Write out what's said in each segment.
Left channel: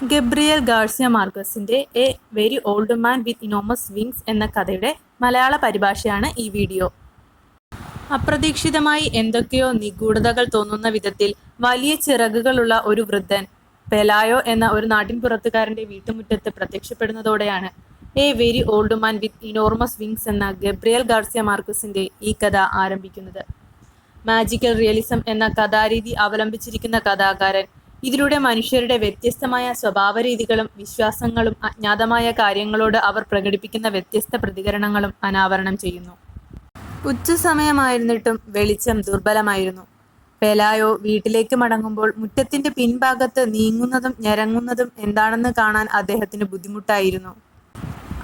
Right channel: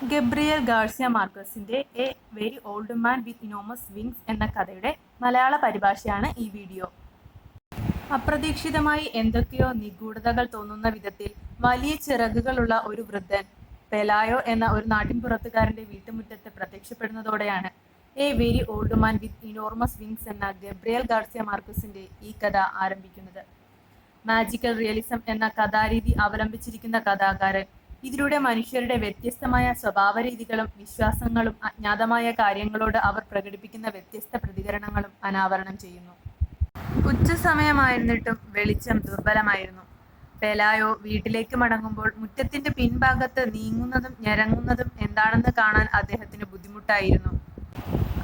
Gabriel Garcia മാർക്വസിന്റെ a very old man with enormous wings എന്ന കഥയുടെ മലയാള പരിഭാഷയാണ് ഈ വീഡിയോ. അപ്രതീക്ഷിതമായി എന്തൊക്കെയോ നിഗൂഢതകൾ തോന്നുന്ന വിധത്തിൽ വലിയ ചിറകുകളുള്ള ഒരു വൃദ്ധൻ പെലായോ എന്ന ഒരു നാട്ടിൻപുറത്തുകാരന്റെ വീട്ടുമുറ്റത്ത് പ്രത്യക്ഷപ്പെടുന്നതോടെയാണ് a very old man with enormous wings എന്ന ഗബ്രിയേൽ ഗാർസിയ മാർക്വസിന്റെ ഈ കഥ ആരംഭിക്കുന്നത്. മാജിക്കൽ റിയലിസം എന്ന കഥാരീതി അവലംബിച്ചിരിക്കുന്ന കഥാകാരൻ ഇതിലൂടെ മനുഷ്യരുടെ വ്യത്യസ്തമായ സ്വഭാവരീതികളും വിശ്വാസങ്ങളും അജ്ഞാതമായ കാര്യങ്ങളോട് അവർ പ്രകടിപ്പിക്കുന്ന വ്യത്യസ്ത പ്രതികരണങ്ങളും അനാവരണം ചെയ്യുന്നു. ഉച്ചസമയമായിരുന്നിട്ടും വെളിച്ചം ദുർബലമായിരുന്നു. പെലായോ വീട്ടിലേക്ക് മടങ്ങുമ്പോൾ മുറ്റത്തിന്റെ പിൻഭാഗത്ത് നീങ്ങുന്നതും ഞരങ്ങുന്നതും എന്താണെന്ന് കാണാൻ അദ്ദേഹത്തിന് ബുദ്ധിമുട്ടായിരുന്നു.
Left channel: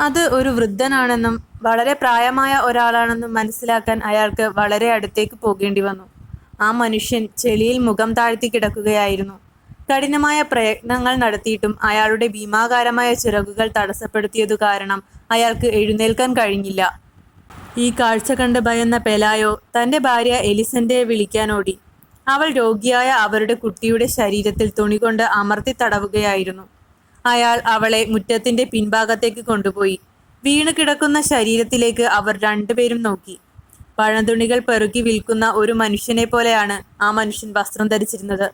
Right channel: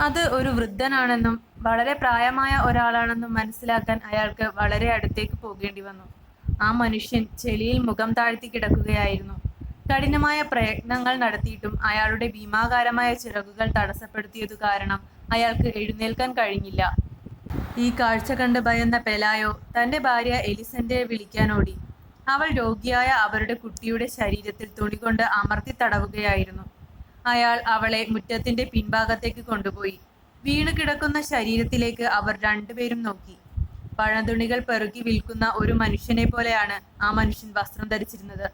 അത് ഒരു വൃദ്ധനാണെന്നും വളരെ പ്രായമായ ഒരാളാണെന്നും മനസ്സിലാക്കാൻ അയാൾക്ക് വളരെ അടുത്തേക്ക് പോകേണ്ടി വന്നു. ആ മനുഷ്യൻ ചെളിയിൽ മുഖം താഴ്ത്തി കിടക്കുകയായിരുന്നു. കഠിനമായ പ്രയത്നങ്ങൾ നടത്തിയിട്ടും അയാളുടെ ഭീമാകാരമായ ചിറകുകൾ തടസ്സപ്പെടുത്തിയതു കാരണം അയാൾക്ക് എഴുന്നേൽക്കാൻ കഴിഞ്ഞില്ല. ഈ കാഴ്ച കണ്ട് ഭയന്ന പെലായോ തന്റെ ഭാര്യ എലിസന്റെ വിളിക്കാനോടി. അവൾ രോഗിയായ അവരുടെ കുട്ടിയുടെ ശരീരത്തിൽ തുണികൊണ്ട് അമർത്തി തടവുകയായിരുന്നു. അയാൾ അവളെ മുറ്റത്തിന്റെ പിൻഭാഗത്തേക്ക് കൊണ്ടുപോയി. വീണു കിടക്കുന്ന ശരീരത്തിലേക്ക് അവർ രണ്ടുപേരും നോക്കി. പഴന്തുണികൾ പെറുക്കി വിൽക്കുന്ന ഒരു മനുഷ്യനെ പോലെയാണ് ആ മനുഷ്യൻ വസ്ത്രം ധരിച്ചിരുന്നത്.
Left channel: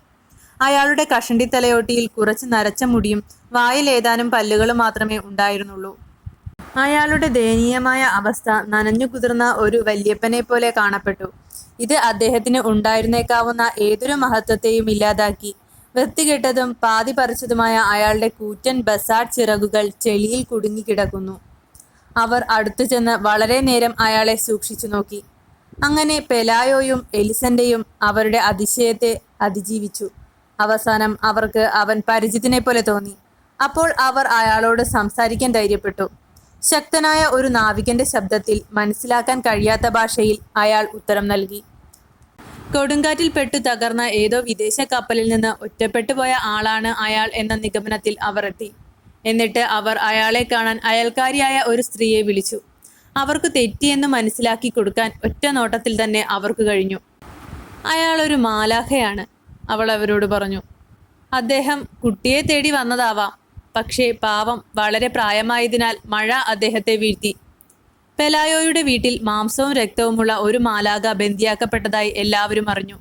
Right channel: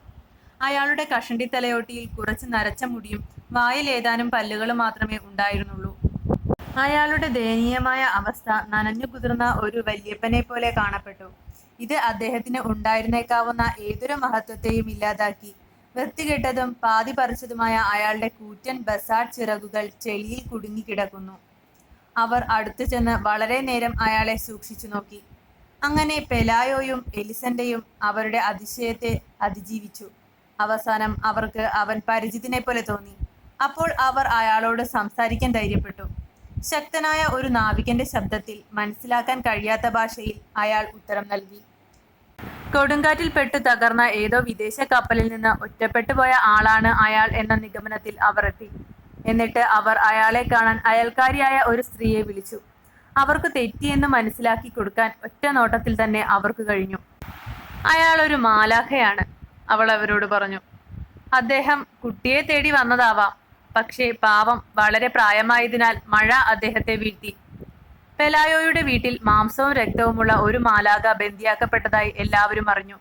അയാളുടെ കഷണ്ടി തലയോട്ടിയിൽ കുറച്ച് നരച്ച മുടിയും വായിൽ ഏതാനും പല്ലുകളും മാത്രമേ ഉണ്ടായിരുന്നുള്ളൂ. അയാളുടെ ദയനീയമായ അവസ്ഥ നനഞ്ഞു കുതിർന്ന ഒരു വല്യപ്പനെ പോലെ കാണപ്പെട്ടു. ഇത് അദ്ദേഹത്തിന് ഉണ്ടായിരുന്നേക്കാവുന്ന ഏതൊരു മഹത്വത്തെയും ഇല്ലാതാക്കി. വൃത്തികെട്ടതും പാതി പറിച്ചതുമായ അയാളുടെ കൂറ്റൻ ബസാഡ് ചിറകുകൾ ചെളിയിൽ കുടുങ്ങിക്കിടക്കുന്നു. അവർ അടുത്തു ചെന്ന് വളരെ നേരം അയാളെ സൂക്ഷിച്ചു നോക്കി. അങ്ങനെ പെലായോയും എലിസന്റെയും അവരുടെ അതിശയത്തെ അതിജീവിച്ചു. അവസാനം അവർക്ക് അവൻ പരിചിതനെ പോലെ തോന്നി. അപ്പോൾ അവർ അയാളോട് സംസാരിക്കാൻ ധൈര്യപ്പെട്ടു. ശക്തനായ ഒരു നാവികന്റെ ശബ്ദത്തിൽ മനസ്സിലാക്കാൻ കഴിയാത്ത ഭാഷയിൽ അയാൾ ഉത്തരം നൽകി. കൊടുങ്കാറ്റിൽ പെട്ടു തകർന്ന ഏതോ വിദേശ കപ്പലിൽ നിന്ന് ഒറ്റപ്പെട്ടു പോയ ആളാണ് അയാൾ എന്ന നിഗമനത്തിൽ അവർ എത്തി. എന്നിട്ട് അവർ അയാളെ കാണാൻ അയൽക്കാരിയായ ഒരു സ്ത്രീയെ വിളിച്ചു. അവർക്ക് തെറ്റിയെന്ന് മനസ്സിലാക്കി കൊടുക്കാൻ ഒറ്റ നോട്ടത്തിൽ തന്നെ അവർക്ക് കഴിഞ്ഞു. അയാൾ ഒരു മാലാഖയാണ്, അവൾ അവരോട് പറഞ്ഞു. അദ്ദേഹം കുട്ടിയെ തേടി വന്നതാവാം. പക്ഷേ പാവം വളരെ പ്രായമായതിനാൽ മഴ അദ്ദേഹത്തെ വീഴ്ത്തി. പെലായോയുടെ വീട്ടിൽ മാംസവും രക്തവുമുള്ള ഒരു മാലാഖ ബന്ദിയാക്കപ്പെട്ടതായി എല്ലാവരും അറിഞ്ഞു.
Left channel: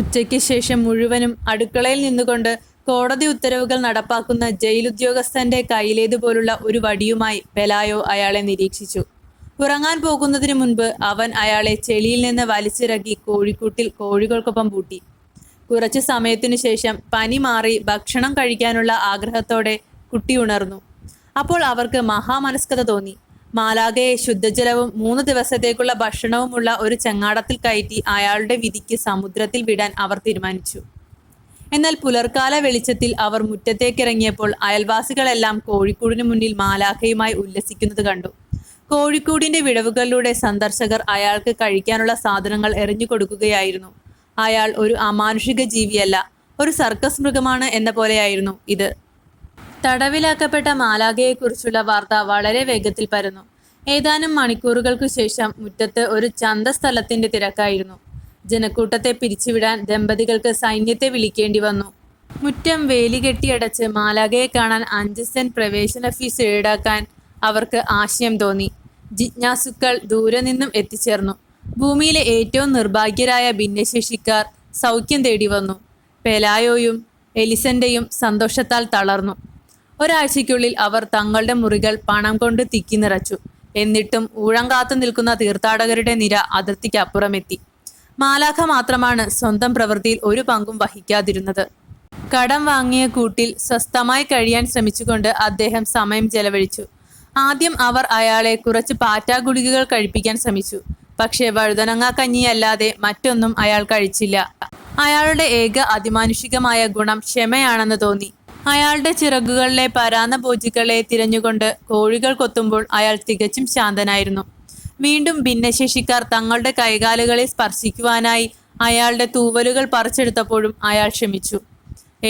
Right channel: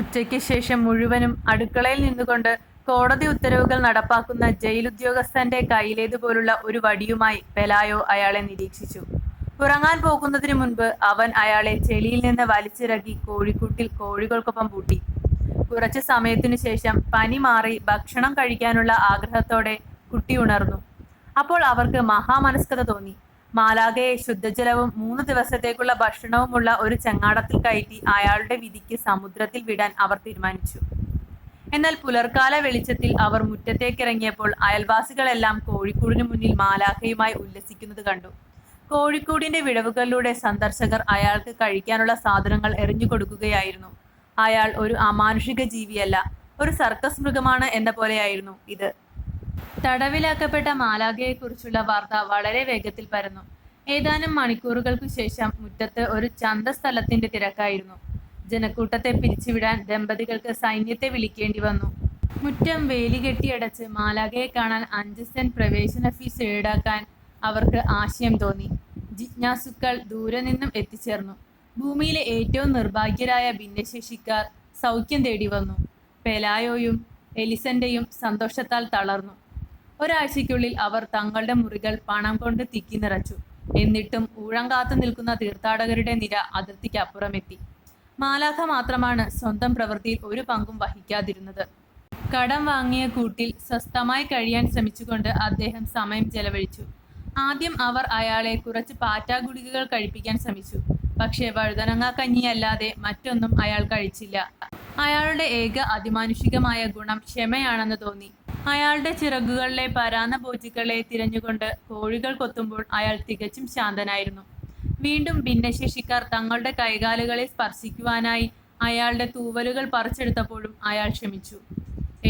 ഉച്ചയ്ക്ക് ശേഷം മുഴുവനും അടുക്കളയിൽ നിന്നുകൊണ്ട് കോടതി ഉത്തരവുകൾ നടപ്പാക്കുന്ന ജയിലുദ്യോഗസ്ഥന്റെ കയ്യിലേതുപോലുള്ള ഒരു വടിയുമായി പെലായോ അയാളെ നിരീക്ഷിച്ചു. ഉറങ്ങാൻ പോകുന്നതിന് മുൻപ് അവൻ അയാളെ ചെളിയിൽ നിന്ന് വലിച്ചിറക്കി കോഴിക്കൂട്ടിൽ കോഴികൾക്കൊപ്പം പൂട്ടി. കുറച്ചു സമയത്തിനു ശേഷം പനി മാറി ഭക്ഷണം കഴിക്കാനുള്ള ആഗ്രഹത്തോടെ കുട്ടി ഉണർന്നു. അപ്പോൾ അവർക്ക് മഹാമനസ്കത തോന്നി. മാലാഖയെ ശുദ്ധജലവും 3 ദിവസത്തേക്കുള്ള ഭക്ഷണവുമുള്ള ഒരു ചങ്ങാടത്തിൽ കയറ്റി അയാളുടെ വിധിക്ക് സമുദ്രത്തിൽ വിടാൻ അവർ തീരുമാനിച്ചു. എന്നാൽ പുലർക്കാല വെളിച്ചത്തിൽ അവർ മുറ്റത്തേക്കിറങ്ങിയപ്പോൾ അയൽവാസികളെല്ലാം കോഴിക്കൂടിനു മുന്നിൽ മാലാഖയുമായി ഉല്ലസിക്കുന്നത് കണ്ടു. കോഴിക്കൂടിന്റെ വിടവുകളിലൂടെ സന്ദർശകർ അയാൾക്ക് കഴിക്കാനുള്ള സാധനങ്ങൾ എറിഞ്ഞു കൊടുക്കുകയായിരുന്നു. അയാൾ ഒരു അമാനുഷിക ജീവിയല്ല, ഒരു സർക്കസ് മൃഗമാണ് എന്ന പോലെയായിരുന്നു ഇത്. തടവിലാക്കപ്പെട്ട മാലാഖയെക്കുറിച്ചുള്ള വാർത്ത വളരെ വേഗത്തിൽ പരന്നു. ഏതാനും മണിക്കൂറുകൾക്കു ശേഷം മുറ്റത്ത് ഒരു ചന്തസ്ഥലത്തിന്റെ തിരക്കായിരുന്നു. ജനക്കൂട്ടത്തെ പിരിച്ചുവിടാൻ ദമ്പതികൾക്ക് സൈന്യത്തെ വിളിക്കേണ്ടി വന്നു. മുറ്റം വേലി കെട്ടിയടച്ച് മാലാഖയെ കാണാൻ 5 സെന്റ് പ്രവേശന ഫീസ് ഈടാക്കാൻ അവർക്ക് ആശയം തോന്നി. ജിജ്ഞാസുക്കൾ ദൂരെ നിന്നും എത്തിച്ചേർന്നു. ഭൂമിയിലെ ഏറ്റവും നിർഭാഗ്യരായ ഭിന്നശേഷിക്കാർ സൗഖ്യം തേടി വന്നു. പെലായോയും എലിസന്റെയും സന്തോഷത്താൽ തളർന്നു. ഒരാഴ്ചയ്ക്കുള്ളിൽ അവർ തങ്ങളുടെ മുറികൾ പണം കൊണ്ട് തിക്കി നിറച്ചു. എന്നിട്ടും ഊഴം കാത്തു നിൽക്കുന്ന തീർത്ഥാടകരുടെ നിര അതിർത്തിക്കപ്പുറമെത്തി. മാലാഖ മാത്രമാണ് സ്വന്തം പ്രവൃത്തിയിൽ ഒരു പങ്കും വഹിക്കാതിരുന്നത്. കടം വാങ്ങിയ കൂട്ടിൽ സ്വസ്ഥമായി കഴിയാൻ ശ്രമിച്ചുകൊണ്ട് അദ്ദേഹം സമയം ചെലവഴിച്ചു. ആദ്യം അവർ അയാളെ കുറച്ച് പാറ്റാ ഗുളികകൾ കഴിപ്പിക്കാൻ ശ്രമിച്ചു. പക്ഷേ വഴുതനങ്ങ കഞ്ഞിയല്ലാതെ മറ്റൊന്നും അയാൾ കഴിച്ചില്ല. അയാളുടെ ഏക അതിമാനുഷികമായ ഗുണം ക്ഷമയാണെന്ന് തോന്നി. അയാളുടെ ചിറകുകളിലെ പരാന്ന പൂച്ചകളെ തിരഞ്ഞുകൊണ്ട് കോഴികൾ കൊത്തുമ്പോൾ അയാൾ തികച്ചും ശാന്തനായിരുന്നു. വീണ്ടും ഭിന്നശേഷിക്കാർ തങ്ങളുടെ കൈകാലുകളെ സ്പർശിക്കുവാനായി അയാളുടെ തൂവലുകൾ പറിച്ചെടുത്തപ്പോഴും അയാൾ ക്ഷമിച്ചു.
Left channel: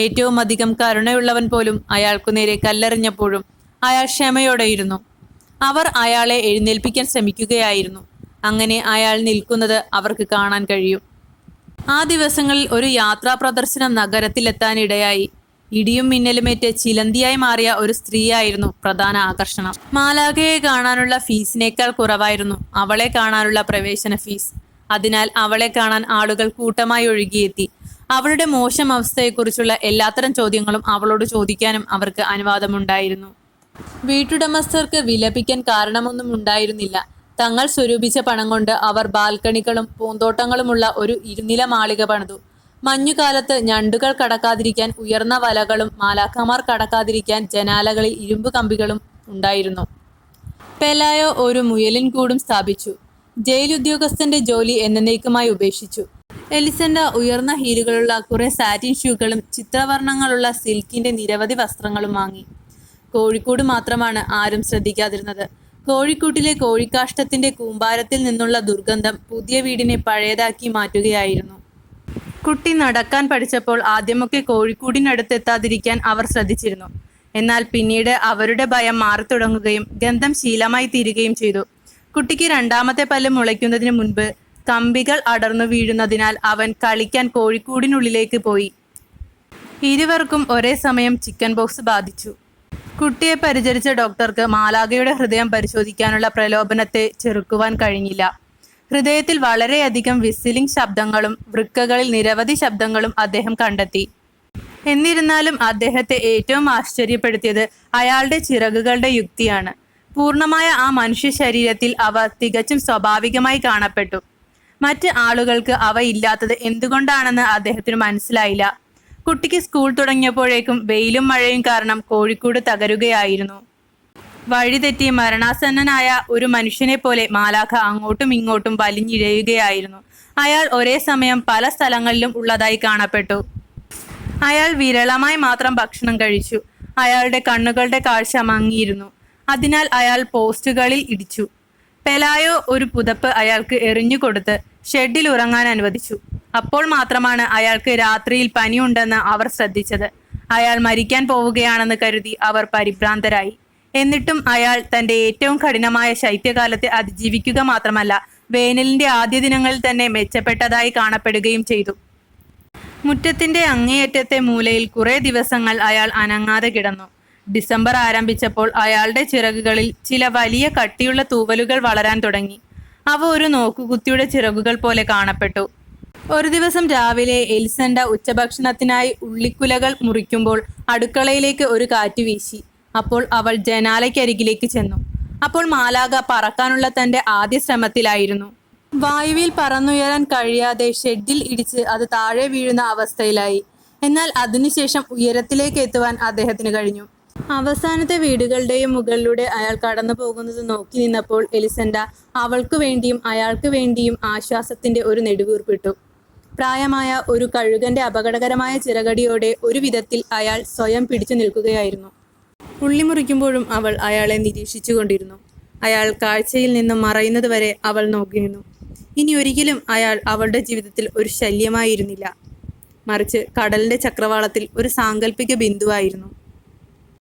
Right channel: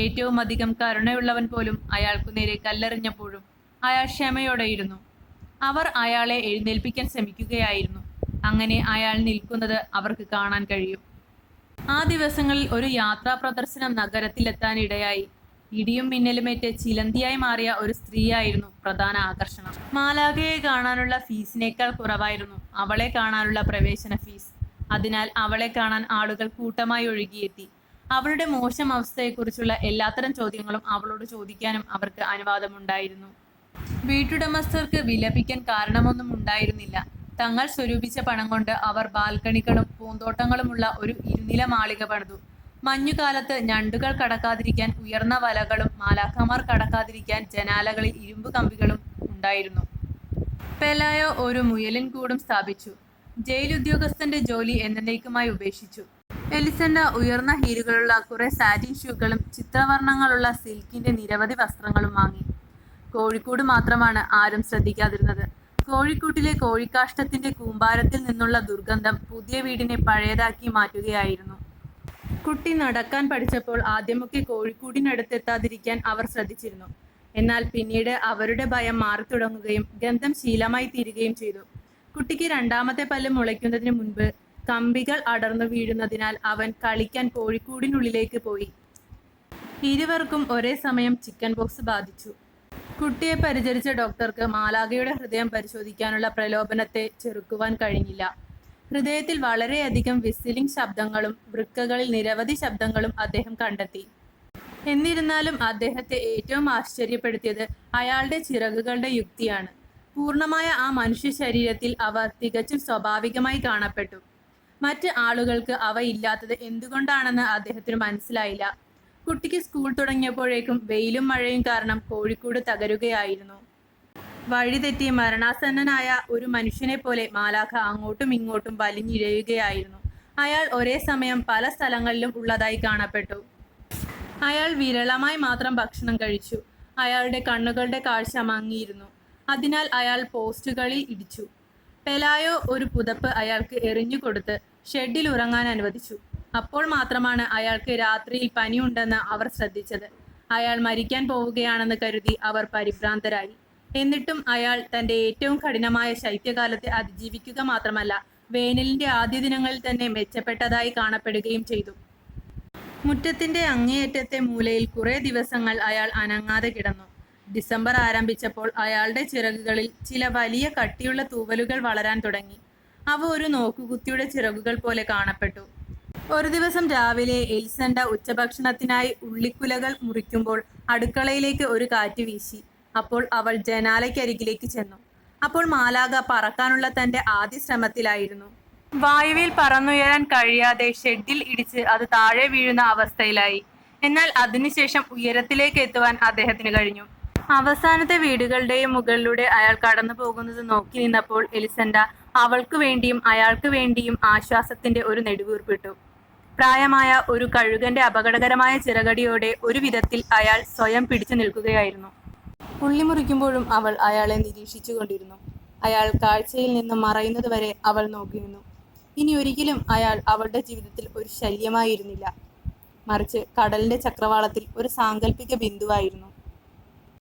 ഏറ്റവും അധികം കരുണയുള്ളവൻ പോലും അയാൾക്കു നേരെ കല്ലെറിഞ്ഞപ്പോഴും അയാൾ ക്ഷമയോടെയിരുന്നു. അവർ അയാളെ എഴുന്നേൽപ്പിക്കാൻ ശ്രമിക്കുകയായിരുന്നു. അങ്ങനെ അയാൾ നിൽക്കുന്നത് അവർക്ക് കാണാൻ കഴിയും. ആ ദിവസങ്ങളിൽ ഒരു യാത്രാ പ്രദർശനം നഗരത്തിലെത്താനിടയായി. ഇടിയും മിന്നലുമേറ്റ് ചിലന്തിയായി മാറിയ ഒരു സ്ത്രീയായിരുന്നു പ്രധാന ആകർഷണം. മാലാഖയെ കാണാനുള്ള ഫീസിനേക്കാൾ കുറവായിരുന്നു അവളെ കാണാനുള്ള പ്രവേശന ഫീസ്. അതിനാൽ അവളെ കാണാൻ ആളുകൾ കൂട്ടമായി ഒഴുകിയെത്തി. അവളുടെ മോശം അവസ്ഥയെക്കുറിച്ചുള്ള എല്ലാത്തരം ചോദ്യങ്ങളും അവളോട് ചോദിക്കാനും അവർക്ക് അനുവാദമുണ്ടായിരുന്നു. വീട്ടുടമസ്ഥർക്ക് വിലപിക്കാൻ കാരണമൊന്നും ഉണ്ടായിരുന്നില്ല. തങ്ങൾ സ്വരൂപിച്ച പണം കൊണ്ട് അവർ ബാൽക്കണികളും പൂന്തോട്ടങ്ങളുമുള്ള ഒരു ഇരുനില മാളിക പണിതു. മഞ്ഞുകാലത്ത് ഞണ്ടുകൾ കടക്കാതിരിക്കാൻ ഉയർന്ന വലകളും മാലാഖമാർ കടക്കാതിരിക്കാൻ ജനാലകളിൽ ഇരുമ്പ് കമ്പികളും ഉണ്ടായിരുന്നു. പെലായോ ഒരു മുയലിൻ കൂടും സ്ഥാപിച്ചു. ജയിൽ ഉദ്യോഗസ്ഥന്റെ ജോലി എന്നേക്കുമായി ഉപേക്ഷിച്ചു. എലിസണ്ട ഉയർന്ന ഹീലുകളുള്ള കുറെ സാറ്റിൻ ഷൂകളും ചിത്രവർണ്ണങ്ങളുള്ള സിൽക്കിന്റെ നിരവധി വസ്ത്രങ്ങളും വാങ്ങി. കോഴിക്കൂട് മാത്രമാണ് ആരും ശ്രദ്ധിക്കാതിരുന്നത്. കോഴിക്കൂട്ടിലെ കോഴിക്കാഷ്ടത്തിന്റെ കൂമ്പാരത്തിൽ നിന്നുള്ള ദുർഗന്ധം പുതിയ വീടിനെ പഴയതാക്കി മാറ്റുകയായിരുന്നു. കുട്ടി നടക്കാൻ പഠിച്ചപ്പോൾ ആദ്യമൊക്കെ കോഴിക്കൂടിനടുത്തെത്താതിരിക്കാൻ അവർ ശ്രദ്ധിച്ചിരുന്നു. എന്നാൽ പിന്നീട് അവരുടെ ഭയം മാറിത്തുടങ്ങുകയും ഗന്ധം ശീലമായി തീരുകയും ചെയ്തു. കുട്ടിക്ക് രണ്ടാമത്തെ പല്ല് മുളയ്ക്കുന്നതിന് മുൻപ് കമ്പികൾ അടർന്നു വീഴുന്നതിനാൽ അവൻ കളിക്കാൻ കോഴിക്കൂടിനുള്ളിലേക്ക് പോയി. ഇരുവർക്കും ഒരേ സമയം ചിക്കൻ ബോക്സ് ബാധിച്ചു. കുട്ടിയെ പരിചരിച്ച ഡോക്ടർക്ക് മാലാഖയുടെ ഹൃദയം പരിശോധിക്കാനുള്ള പ്രലോഭനത്തെ ചെറുക്കുവാൻ കഴിഞ്ഞില്ല. ഹൃദയത്തിൽ വളരെയധികം വിസിലിംഗ് ശബ്ദങ്ങളും വൃക്കകളിൽ നിരവധി ശബ്ദങ്ങളും അദ്ദേഹം കണ്ടെത്തി. എന്നിരുന്നാലും അദ്ദേഹത്തെ ഏറ്റവും ആശ്ചര്യപ്പെടുത്തിയത് അയാളുടെ ചിറകുകളുടെ യുക്തിയാണ്. പൂർണ്ണമായ ആ മനുഷ്യ ശരീരത്തിൽ അവ തികച്ചും സ്വാഭാവികമായി കാണപ്പെട്ടു. മറ്റ് ആളുകൾക്ക് അവ ഇല്ലാത്തത് എന്തുകൊണ്ടാണെന്ന് അദ്ദേഹത്തിന് മനസ്സിലായില്ല. കുട്ടിക്ക് സ്കൂൾ തുടങ്ങിയപ്പോഴേക്കും വെയിലും മഴയും കാരണം കോഴിക്കൂട് തകരുകയായിരുന്നു. വഴിതെറ്റി മരണാസന്നനായ ഒരു മനുഷ്യനെ പോലെ മാലാഖ അങ്ങോട്ടും ഇങ്ങോട്ടും വലിഞ്ഞിഴയുകയായിരുന്നു. അയാൾ ഒരേ സമയം പല സ്ഥലങ്ങളിലും ഉള്ളതായി കാണപ്പെട്ടു. അയാൾ വിരളമായി മാത്രം ഭക്ഷണം കഴിച്ചു. അയാളുടെ കണ്ണുകളുടെ കാഴ്ച മങ്ങിയിരുന്നു. അതിനാൽ അയാൾ പോസ്റ്റുകളിൽ ഇടിച്ചു. പെലായോ ഒരു പുതപ്പ് അയാൾക്ക് എറിഞ്ഞുകൊടുത്ത് ഷെഡിൽ ഉറങ്ങാൻ അനുവദിച്ചു. അപ്പോൾ മാത്രമാണ് അയാൾക്ക് രാത്രിയിൽ പനിയുണ്ടെന്ന് അവർ ശ്രദ്ധിച്ചത്. അയാൾ മരിക്കാൻ പോവുകയാണെന്ന് കരുതി അവർ പരിഭ്രാന്തരായി. എന്നിട്ടും അയാൾ തന്റെ ഏറ്റവും കഠിനമായ ശൈത്യകാലത്തെ അതിജീവിക്കുക മാത്രമല്ല, വേനലിന്റെ ആദ്യ ദിനങ്ങളിൽ തന്നെ മെച്ചപ്പെട്ടതായി കാണപ്പെടുകയും ചെയ്തു. മുറ്റത്തിന്റെ അങ്ങേയറ്റത്തെ മൂലയിൽ കുറെ ദിവസങ്ങൾ അയാൾ അനങ്ങാതെ കിടന്നു. ഡിസംബർ ആരംഭിച്ചപ്പോൾ അയാളുടെ ചിറകുകളിൽ ചില വലിയ കട്ടിയുള്ള തൂവലുകൾ വളരാൻ തുടങ്ങി. അവ ഒരു നോക്കുകുത്തിയുടെ ചിറകുകൾ പോലെ കാണപ്പെട്ടു. ഒരു ദിവസം രാവിലെ എലിസണ്ട ഉച്ചഭക്ഷണത്തിനായി ഉള്ളിക്കുലകൾ മുറിക്കുമ്പോൾ അടുക്കളയിലേക്ക് ഒരു കാറ്റ് വീശി. അപ്പോൾ അവൾ ജനാലയ്ക്കരികിലേക്ക് ചെന്നു. അപ്പോൾ മാലാഖ പറക്കാനുള്ള തന്റെ ആദ്യ ശ്രമത്തിലായിരുന്നു. വായുവിൽ പറന്നുയരാൻ കഴിയാതെ ഷെഡിൽ ഇടിച്ച് അത് താഴെ വീഴുന്ന അവസ്ഥയിലായി. എന്നാൽ അതിനുശേഷം ഉയരത്തിലേക്ക് എത്തുവാൻ അദ്ദേഹത്തിന് കഴിഞ്ഞു. അവസാനത്തെ വീടുകളുടെയും മുകളിലൂടെ അയാൾ കടന്നു പോകുന്നത് നോക്കി നിന്നപ്പോൾ എലിസണ്ട അവൾക്ക് വേണ്ടിയും അയാൾക്ക് വേണ്ടിയും ആശ്വാസത്തിന്റെ ഒരു നെടുവീർപ്പിട്ടു. പ്രായമായ ഒരു കഴുകന്റെ അപകടകരമായ ചിറകടിയോടെ ഒരു വിധത്തിൽ അയാൾ സ്വയം പിടിച്ചു നിൽക്കുകയായിരുന്നു. ഉള്ളി മുറിക്കുമ്പോഴും അവൾ അയാളെ നിരീക്ഷിച്ചു കൊണ്ടിരുന്നു. അയാൾ കാഴ്ചയിൽ നിന്നും മറയുന്നത് വരെ അവൾ നോക്കി നിന്നു. ഇനി ഒരിക്കലും അയാൾ അവളുടെ ജീവിതത്തിൽ ഒരു ശല്യമായിരുന്നില്ല, മറിച്ച് കടലിന്റെ ചക്രവാളത്തിൽ ഒരു സാങ്കല്പിക ബിന്ദുവായിരുന്നു.